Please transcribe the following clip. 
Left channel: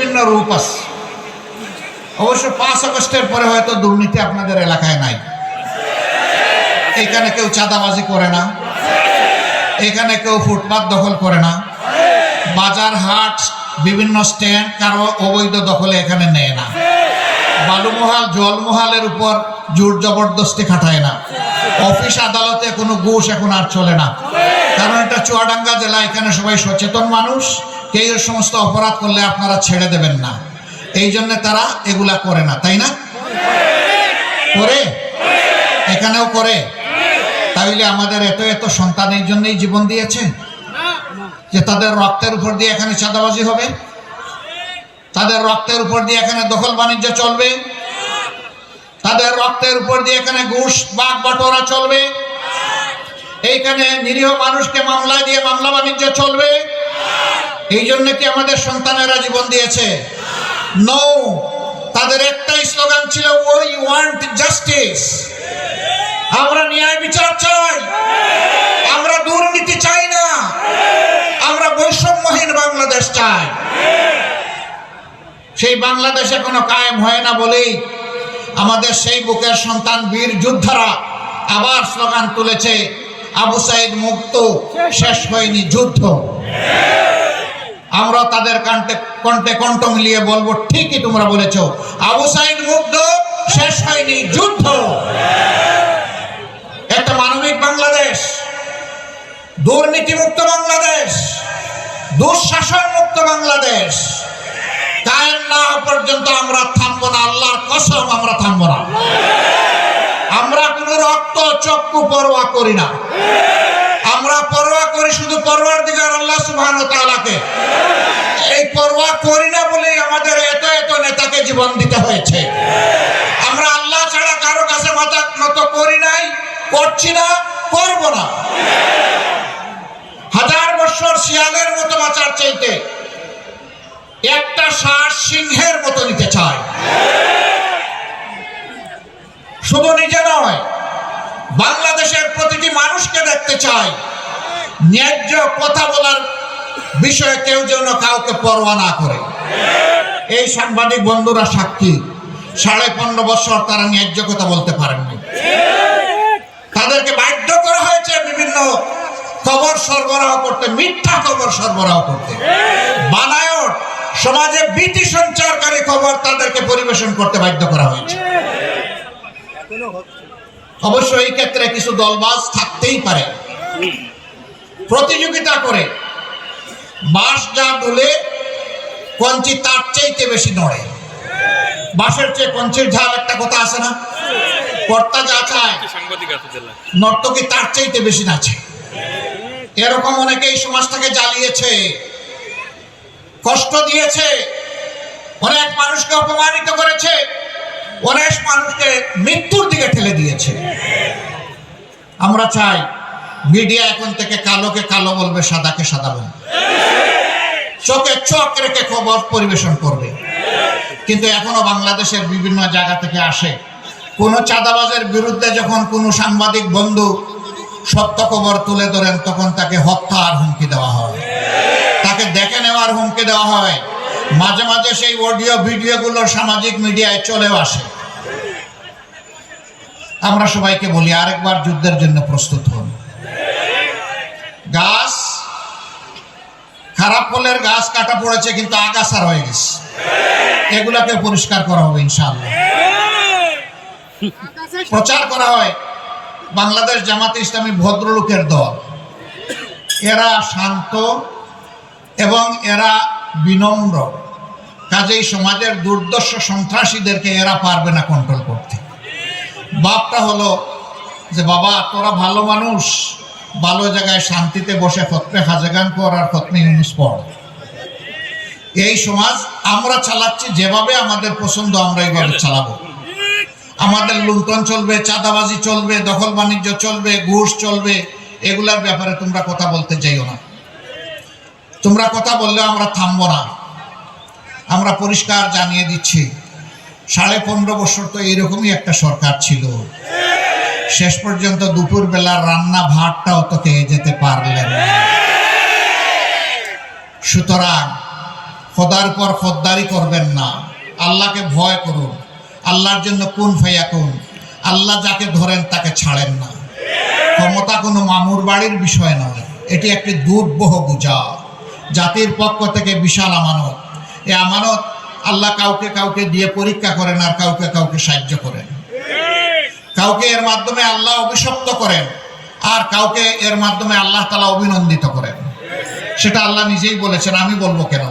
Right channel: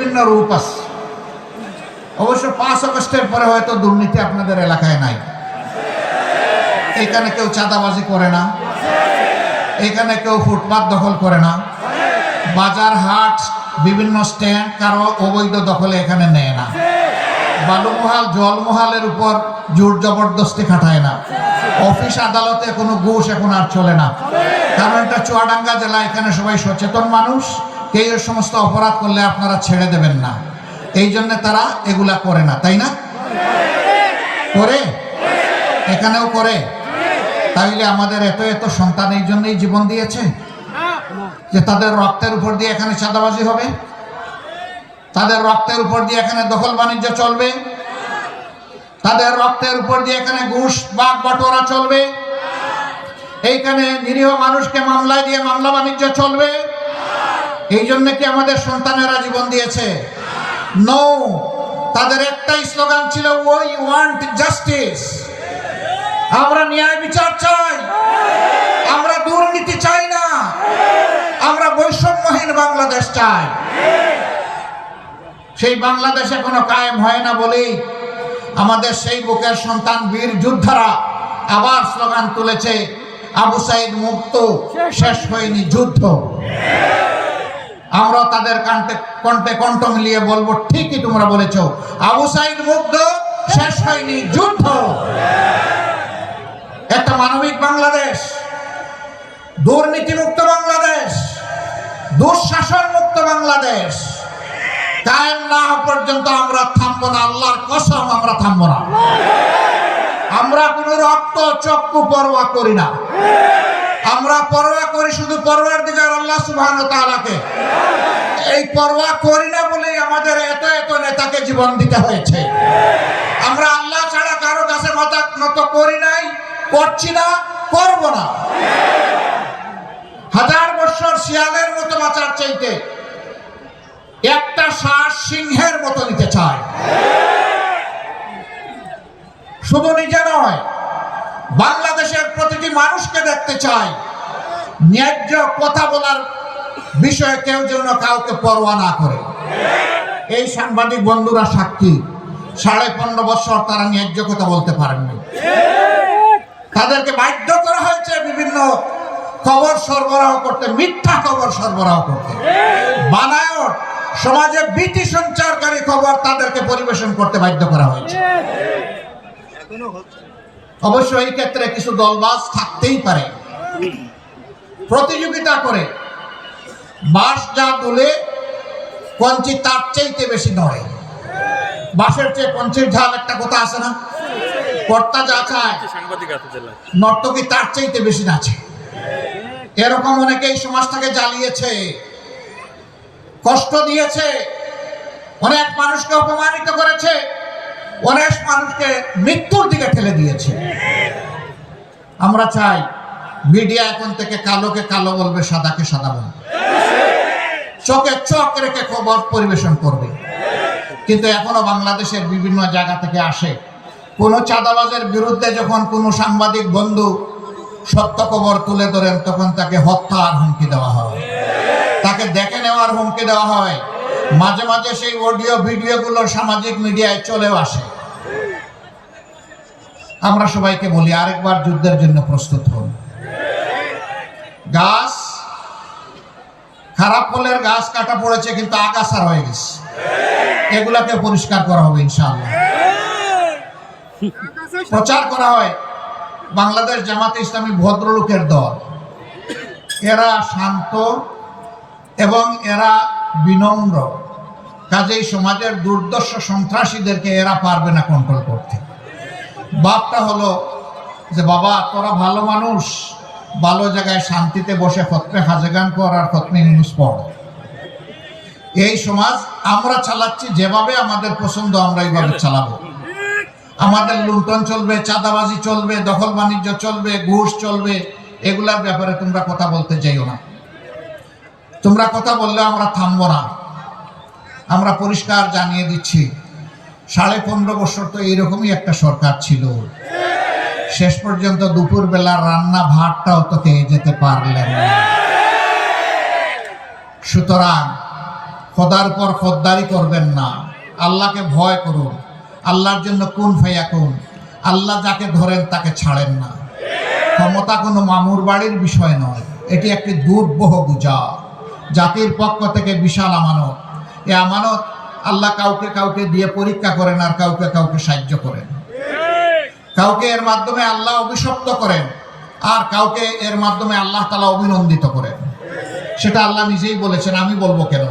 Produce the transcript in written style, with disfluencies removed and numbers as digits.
বিভিন্ন রূপ আছে। অবশ্য 5 আগস্টের পরে হয়তো দুর্নীতি আপনাদের এলাকায় নাই। এখানে কেউ চাঁদাবাজি করে না, এখানে কেউ ফুটপাত দখল করে না, বাজার হাট বিভিন্ন স্ট্যান্ড কারো অবৈধ দখলে এখানে নেয় না, বালুমহাল জলমহালের উপর জোর জবরদস্তি খাটায় না, অফিস আদালতে কোনো ঘুষ এখন আর চলে না। কারণ এটা চুয়াডাঙ্গা জেলা, এখানে সবাই সচেতন মানুষ, কেউ এর সমস্ত অপরাধ করলে আপনারা ছেড়ে দেবেন না, এই জন্য তারা এগুলা করে না, তাই না? করে, এখানেও করে। তাইলে আমাদের এত এত সন্তান এই জন্যই জীবন দিয়েছে যে তাদের রক্তের উপর দিয়ে এখানে চাঁদাবাজি হবে, তাদের রক্তের উপর দিয়ে এখানে দখল বাণিজ্য চলবে, তাদের রক্তের উপর দিয়ে এখানে ঘুষ বাগ বটোয়ারা চলবে, এইখানে নিরীহ মানুষকে মামলা দিয়ে মামলা বাণিজ্য চলবে। এই জন্য কি আমাদের সন্তানেরা জীবন দিয়েছে? নো, তাদের একটাই স্লোগান ছিল, উই ওয়ান্ট জাস্টিস। আমরা ন্যায় বিচার চাই, আমরা দুর্নীতি চাই না, আমরা বৈষম্যহীন বাংলাদেশ চাই। সেই বাংলাদেশ এখনো কায়েম হয় না বলেই আমাদের সেই বুকের সন্তান বীর যোদ্ধারা আবার স্লোগান তুলেছে, আবু সাইদ মুক্ত, শেষ হয়নি যুদ্ধ। আমরা তাদের কণ্ঠে কণ্ঠ মিলিয়ে বলবো, ঠিকই তোমরা বলেছো, আবু সাইদ মুক্ত, শেষ হয়নি যুদ্ধ। একটা মানবিক বাংলাদেশ, দুর্নীতি মুক্ত বাংলাদেশ, দুঃশাসন মুক্ত বাংলাদেশ কায়েম না হওয়া পর্যন্ত আমরা থামবো না, আল্লাহর কসম আমরা থামবো না। আমরা কোনো রক্ত চক্ষু পরোয়া করি না, আমরা পরোয়া করি শুধু পরওয়ারদিগার আল্লাহ সুবহানাহু ওয়া তাআলাকে। এই পরোয়া করি না বলেই আমাদের এত এত নেতাকে জীবন দিতে হয়েছে। আমরা আল্লাহ ছাড়া কারো কাছে মাথা নত করি নাই, করছি না, করব না। 1000 বছর শিয়ালের মতো বাঁচার চাইতে একটা শ্বাস সিংহের মতো নিতে চায়। শুধু নিজে নয়, বাংলাদেশের প্রতিটি মানুষকে দেখতে চায় ন্যায্য কথা বলার বিষয়ে কেউ যেন কাউকে পরোয়া না করে। এই সাংবাদিক বন্ধুরা সাক্ষী, 15.5 বছর তারা ন্যায্য কথা বলতে পারেননি। তাদেরকে বাধ্য করা হয়েছে বিভিন্ন খবর সরবরাহ করতে, মিথ্যা খবর সরবরাহ করতে, বানায়ট সমাজে ভীতি সঞ্চারকারী খবর তাদেরকে পরিবেশন করতে বাধ্য করা হয়েছে। অবশ্য এই ক্ষেত্রে কিছু দলবাজ থাকতেই পারে, প্রতিযোগিতা করে। বাঁশ যা বলে কঞ্চি তার চাইতে বেশি নড়ে, বাঁশের চেয়ে কঞ্চির ঝাল একটা কথা আছে না, কর্তা যা চায় নর্তকী তার চাইতে বেশি নাচে। এরকম অনেকে এই সমাজটাকে জ্বালিয়েছে, কষ্ট দিয়েছে, অনেক মানুষকে অপমানিত করেছে, অনেক মানুষকে মৃত্যুর দিকে ঠেলে দিয়েছে। আমরা চাই মিডিয়া এখন থেকে কালোকে কালো বলবে, সাদাকে সাদা বলবে, চোখে চোখ রেখে খবর পরিবেশন করবে। কিন্তু এখনো বাংলাদেশের বিভিন্ন জায়গা থেকে আসে, কোন চাঁদাবাজের বিরুদ্ধে যখন কোনো সাংবাদিক বন্ধু সত্য খবর তুলে ধরেন, তখন তাকে হত্যার হুমকি দেওয়া হয়, তাকে দেখে নেওয়ার হুমকি দেওয়া হয়। মাঝে মাঝে সেই অডিও ভিডিওগুলো সামাজিক মিডিয়ায় চলেও আসে। আমরা সবাইকে বলি, আরেকবার যুদ্ধের জন্য প্রস্তুত হন। গাছ, খারাপ ফলের গাছ কাটা পড়েছে, কিন্তু আগাছা রয়ে গেছে, এগুলাকে পরিষ্কার করা হবে ইনশাআল্লাহ। প্রচার করা হয় বাংলাদেশ জামাতে ইসলামী ভদ্রলোকের দল, এরা শান্ত এবং এরা বিনম্র, কাজেই সমাজের দুর্দর্শ সন্ত্রাসীদেরকে এরা পারবে না কন্ট্রোল করতে। বাপটা হলো যে, বাবা তোরা ভালো মানুষ, ভালো জায়গায় শান্তিতে বসে খতমে খাজেগান কর আর খতমে ইউনুস পড়। এই সমাজ আমরা চালাচ্ছি যেভাবে আমাদের পছন্দ, আমরা এইভাবে চালাবো। আমাদের লুণ্ঠন চলবে, চাঁদাবাজি চলবে, দখল বাণিজ্য চলবে, ঘুষ চলবে, এগুলার ব্যাপারে তোমরা কথা বলতে চাইও না। তোমরা কথা বললেও আমরা থামবো না। আমরা পরিষ্কার জানিয়ে দিচ্ছি, 15.5 বছর তো এইরকমই একটা সরকার ছিল, শেষ পর্যন্ত দুপুর বেলার রান্না ভাতটাও তো খেয়ে যেতে পারলেন না। সুতরাং খোদার পর খোদ্দারি করবেন না, আল্লাহকে ভয় করুন। আল্লাহর জন্য কুন ফায়াকুন, আল্লাহ যাকে ধরেন তাকে ছাড়েন না। ক্ষমতা কোনো মামুর বাড়ির বিষয় নয়, এটি একটি দুর্বহ বোঝা, জাতির পক্ষ থেকে বিশাল আমানত। এ আমানত আল্লাহ কাউকে কাউকে দিয়ে পরীক্ষা করেন আর কাউকে কাউকে সাহায্য করেন। কাউকে এর মাধ্যমে আল্লাহ অভিশপ্ত করেন আর কাউকে এর মাধ্যমে আল্লাহ তাআলা অভিনন্দিত করেন। সেটা আল্লাহ নিজেই বলেছেন, আমি বলবো কেন।